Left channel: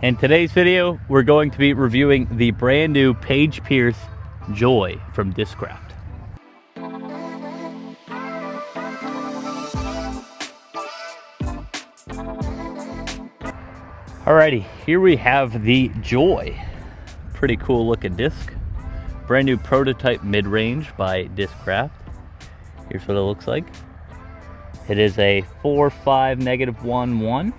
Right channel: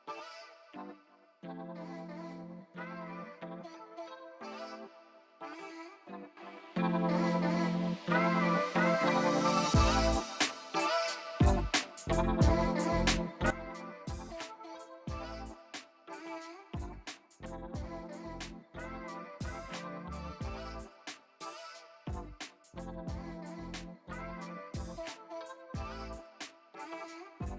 In today's video, we're going to be reviewing the brand new Paige Pierce Joy from Discraft. Alrighty, here we have the Joy. Pretty cool looking disc. Brand new prototype mid-range by Discraft. Here's what it looks like. It is a 4.5 -1.1.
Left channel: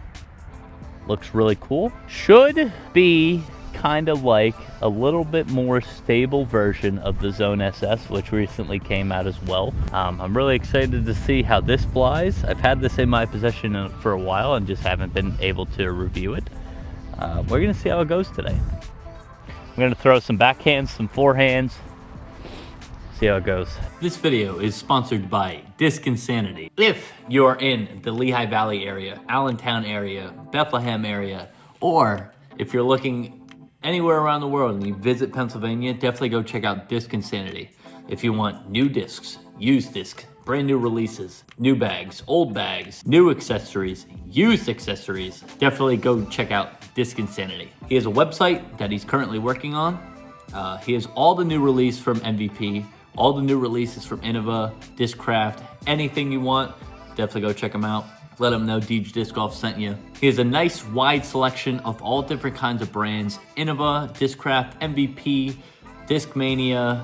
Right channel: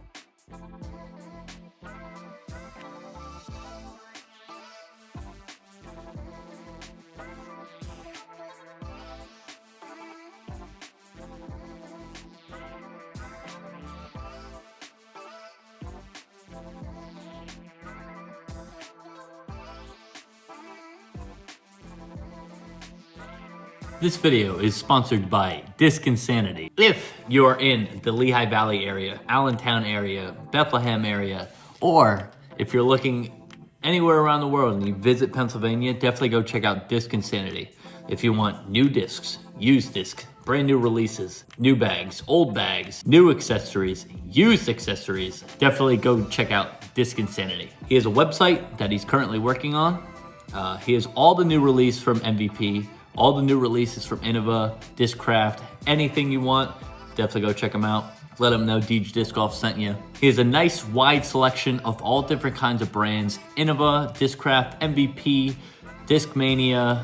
Looks really cool. Should be kind of like a little bit more stable version of the Zone SS, which recently came out as well. I'm really excited to see how this flies. I've had this in my possession for a while and just haven't been able to review it. We're gonna see how it goes today. I'm gonna throw some backhands, some forehands, see how it goes. This video is sponsored by Disc Insanity. If you're in the Lehigh Valley area, Allentown area, Bethlehem area, or if you're looking anywhere around the world and you visit Pennsylvania, definitely go check out Disc Insanity. If you want new discs, used discs, brand new releases, new bags, old bags, new accessories, used accessories, definitely go check out Disc Insanity. He has a website that he's currently working on. He has all the new release from MVP, all the new releases from Innova, Discraft, anything you want, definitely go check him out. Let him know Deej Disc Golf sent you. He has a nice wide selection of all different kinds of brands: Innova, Discraft, MVP, Discmania,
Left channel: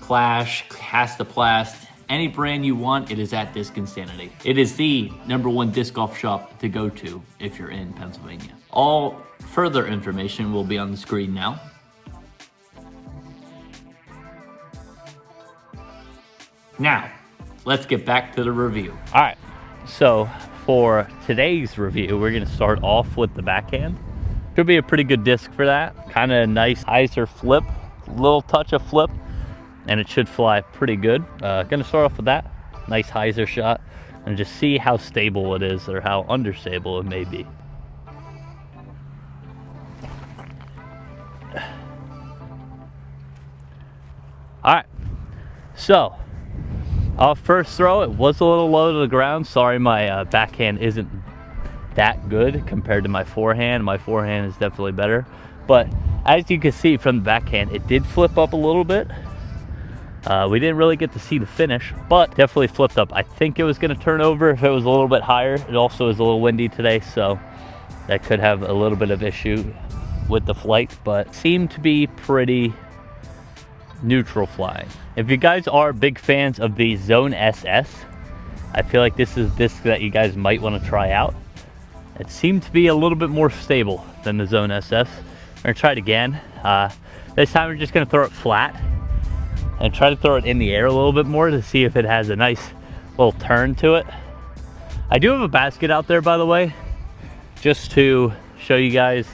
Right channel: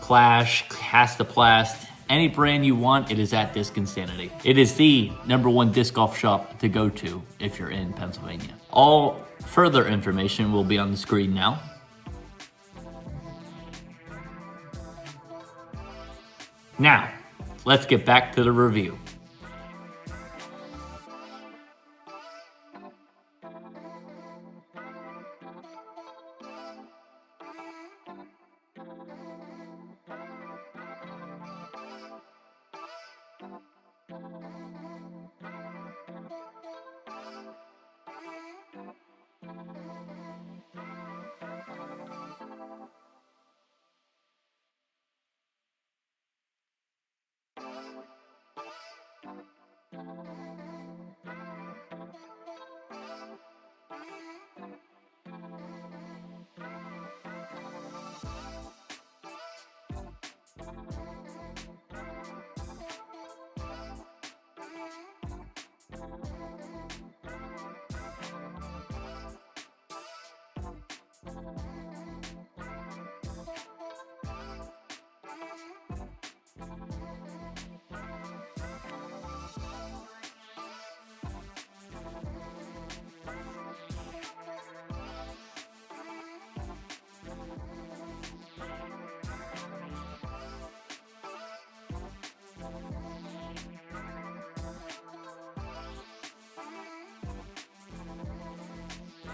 Clash, Castaplast, any brand you want, it is at Disc Insanity. It is the #1 disc golf shop to go to if you're in Pennsylvania. All further information will be on the screen now. Now, let's get back to the review. All right, so for today's review, we're gonna start off with the backhand. Could be a pretty good disc for that. Kind of nice hyzer flip, little touch of flip, and it should fly pretty good. Gonna start off with that. Nice hyzer shot, and just see how stable it is or how understable it may be. All right, so I'll first throw, it was a little low to the ground. Sorry, my backhand isn't that good compared to my forehand. My forehand is definitely better. But as you can see from the backhand, it did flip up a little bit. We didn't really get to see the finish, but definitely flipped up. I think it was gonna turn over if it was a little bit higher. It also is a little windy today, so that could have a little bit of issue with the flight, but seemed to be pretty neutral flying. If you guys are big fans of the Zone SS, I feel like this is this that you guys might want to try out. It seemed to be a little bit more stable than the Zone SS. We're gonna try it again. This time we're just gonna throw it flat and try to throw it in the air a little bit more to see if it has a nice little turn to it. I do have a basket out there, by the way, just to show you guys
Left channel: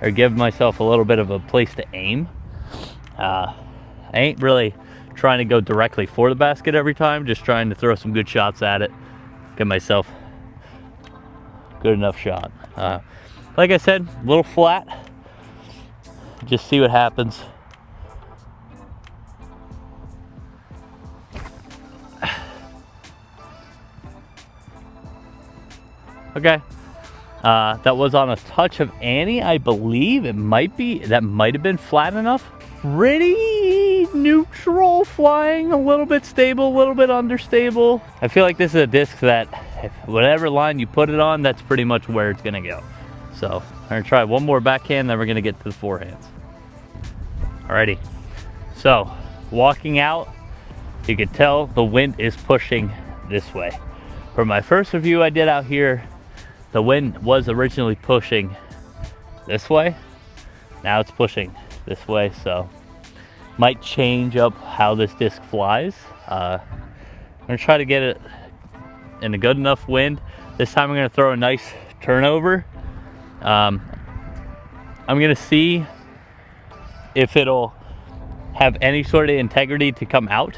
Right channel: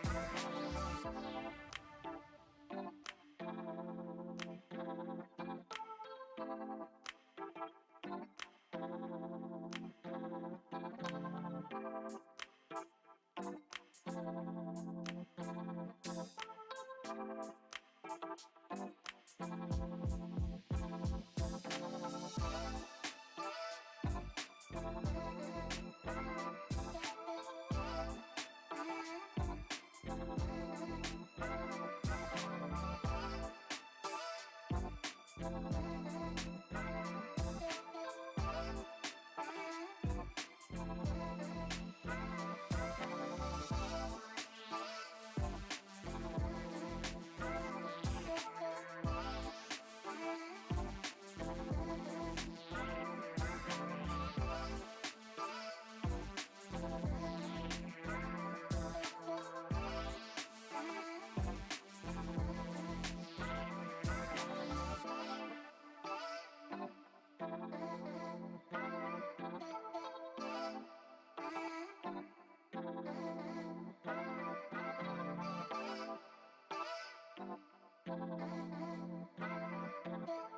or give myself a little bit of a place to aim. I ain't really trying to go directly for the basket every time, just trying to throw some good shots at it, get myself a good enough shot. Like I said, a little flat, just see what happens. Okay, that was on a touch of Annie, I believe. It might be, that might have been flat enough. Pretty neutral flying, a little bit stable, a little bit understable. I feel like this is a disc that if whatever line you put it on, that's pretty much where it's gonna go. So I'm gonna try one more backhand, then we're gonna get to the forehands. Alrighty, so walking out, you can tell the wind is pushing this way. For my first review I did out here, the wind was originally pushing this way. Now it's pushing this way, so might change up how this disc flies. I'm gonna try to get it in a good enough wind. This time I'm gonna throw a nice turnover. I'm gonna see if it'll have any sort of integrity to come out,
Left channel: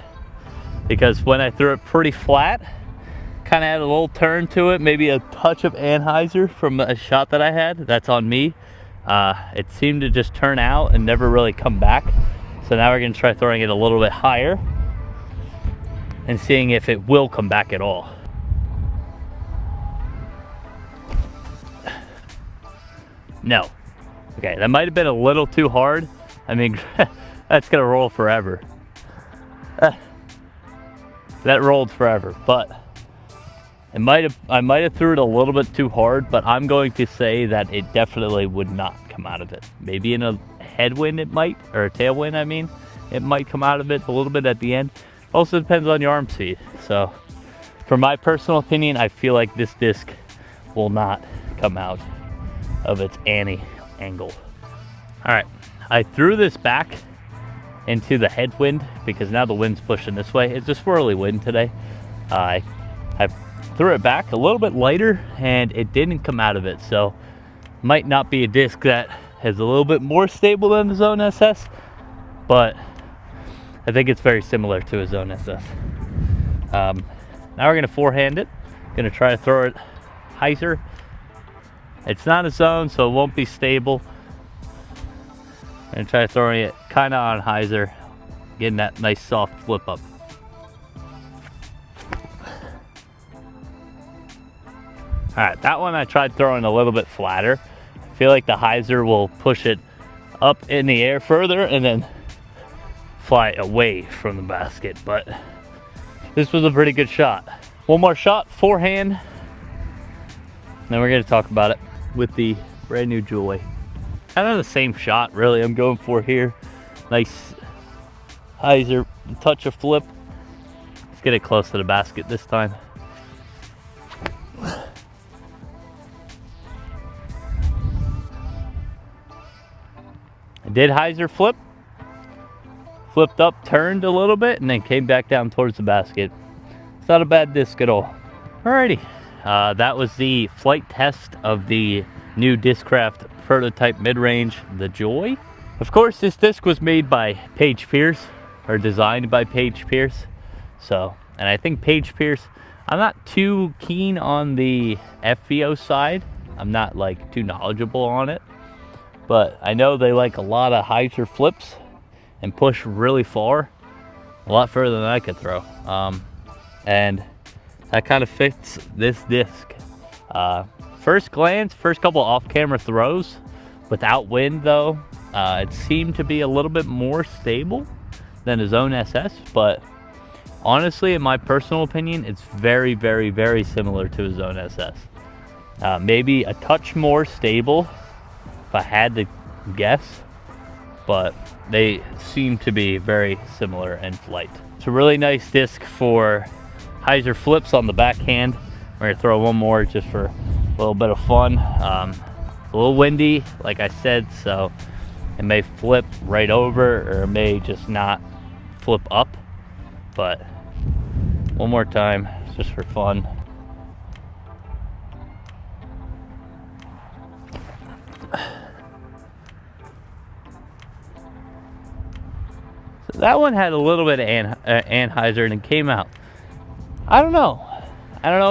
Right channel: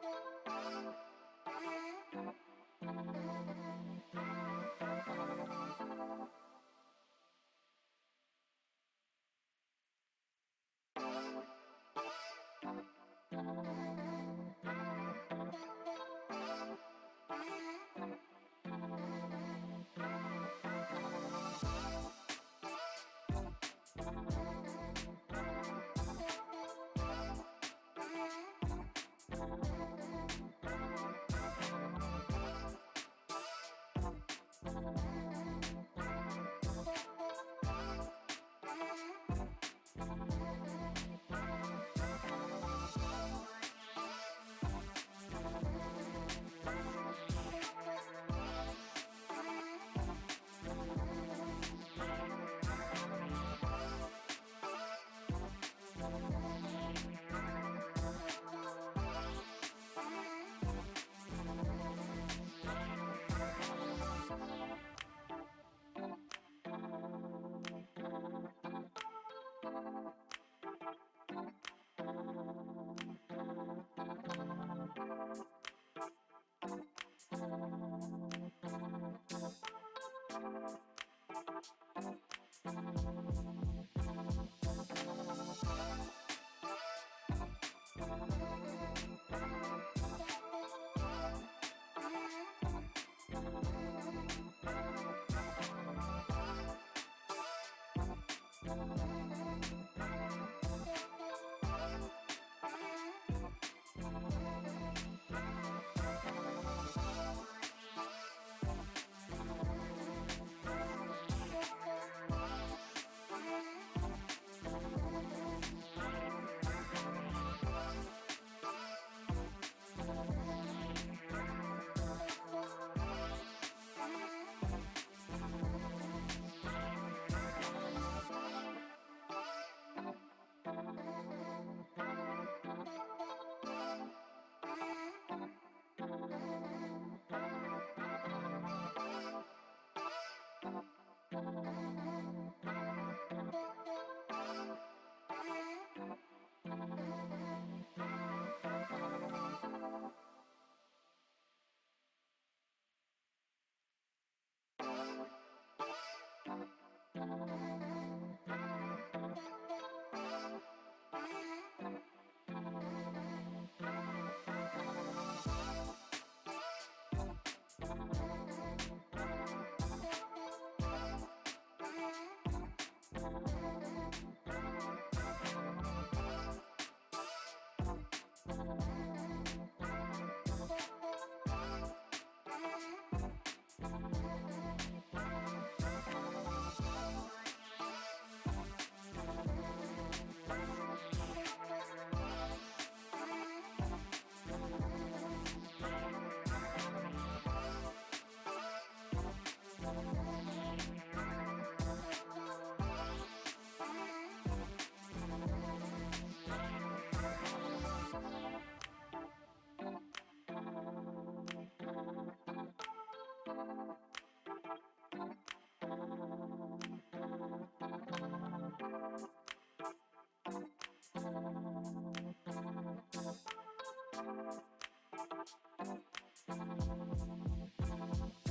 because when I threw it pretty flat, kind of had a little turn to it, maybe a touch of anhyzer from a shot that I had. That's on me. It seemed to just turn out and never really come back. So now we're gonna try throwing it a little bit higher and seeing if it will come back at all. No, Okay, that might have been a little too hard. I mean, that's gonna roll forever. That rolled forever, but I might have threw it a little bit too hard, but I'm going to say that it definitely would not come out of it. Maybe in a headwind it might, or a tailwind I mean, it might come out of it a little bit at the end. Also depends on your arm speed. So for my personal opinion, I feel like this disc will not come out of its angle. All right, I threw this back into the headwind because now the wind's pushing this way. It's a swirly wind today. I threw it back a little bit lighter and it didn't come out of it. So might not be a disc that is a little bit more stable than the Zone SS, but I think it's very similar to a Zone SS. Now we're gonna forehand it. Gonna try to throw it hyzer. It's not a Zone, so it won't be stable. I'm gonna try throwing it kind of on hyzer, getting that nice soft flip up. All right, that one I tried throwing a little bit flatter. I feel like the hyzer will push it up in the air further and then fly away from the basket, but this was a pretty good shot. One more shot, forehand, then we're gonna talk about it with the brand new Joy. Kind of the same shot really I'm going for here. Nice hyzer, touch of flip. Let's get it close to the basket this time. I did hyzer flip, flipped up, turned a little bit, and then came back down towards the basket. It's not a bad disc at all. Alrighty, that was the flight test of the new Discraft prototype mid-range, the Joy. Of course, this disc was made by Paige Pierce, or designed by Paige Pierce. So, and I think Paige Pierce, I'm not too keen on the FVO side. I'm not like too knowledgeable on it, but I know they like a lot of hyzer flips and push really far, a lot further than I could throw. And that kind of fits this disc. First glance, first couple off-camera throws, without wind though, it seemed to be a little bit more stable than a Zone SS, but honestly, in my personal opinion, it's very, very, very similar to a Zone SS. Maybe a touch more stable, if I had to guess, but they seem to be very similar in flight. It's a really nice disc for hyzer flips on the backhand. We're gonna throw one more just for a little bit of fun. A little windy, like I said, so it may flip right over or it may just not flip up, but one more time just for fun. So that one had a little bit of anhyzer and it came out. I don't know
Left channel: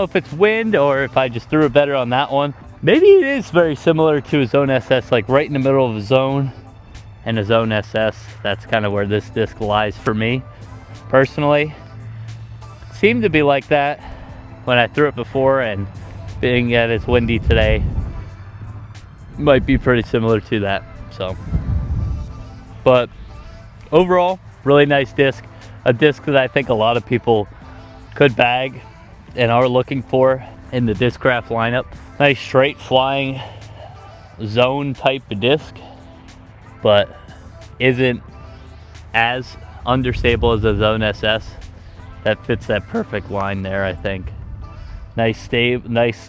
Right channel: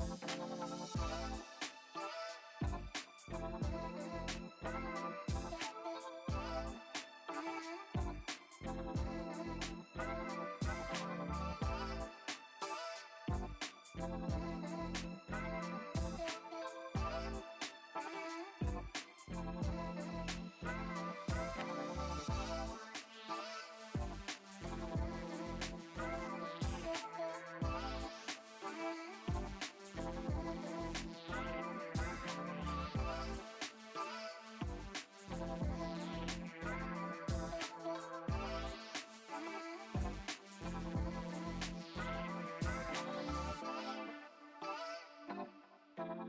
if it's wind or if I just threw it better on that one. Maybe it is very similar to a Zone SS, like right in the middle of a Zone and a Zone SS. That's kind of where this disc lies for me, personally. Seemed to be like that when I threw it before, and being that it's windy today, might be pretty similar to that, so. But overall, really nice disc. A disc that I think a lot of people could bag and are looking for in the Discraft lineup. Nice straight flying Zone type of disc, but isn't as understable as a Zone SS. That fits that perfect line there, I think. Nice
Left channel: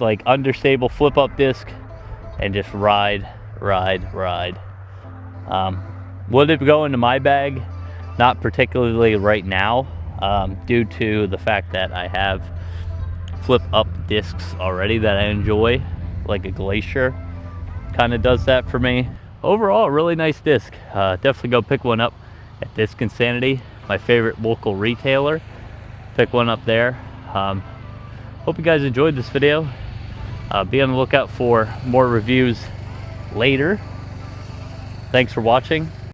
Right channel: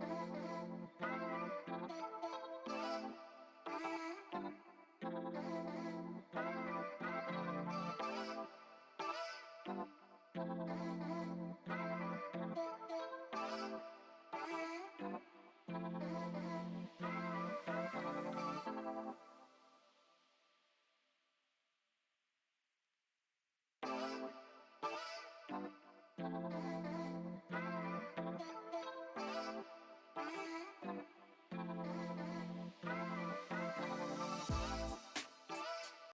like understable flip up disc and just ride. Would it go into my bag? Not particularly right now, due to the fact that I have flip up discs already that I enjoy, like a Glacier kind of does that for me. Overall, a really nice disc. Definitely go pick one up at Disc Insanity, my favorite local retailer. Pick one up there. Hope you guys enjoyed this video. Be on the lookout for more reviews later. Thanks for watching.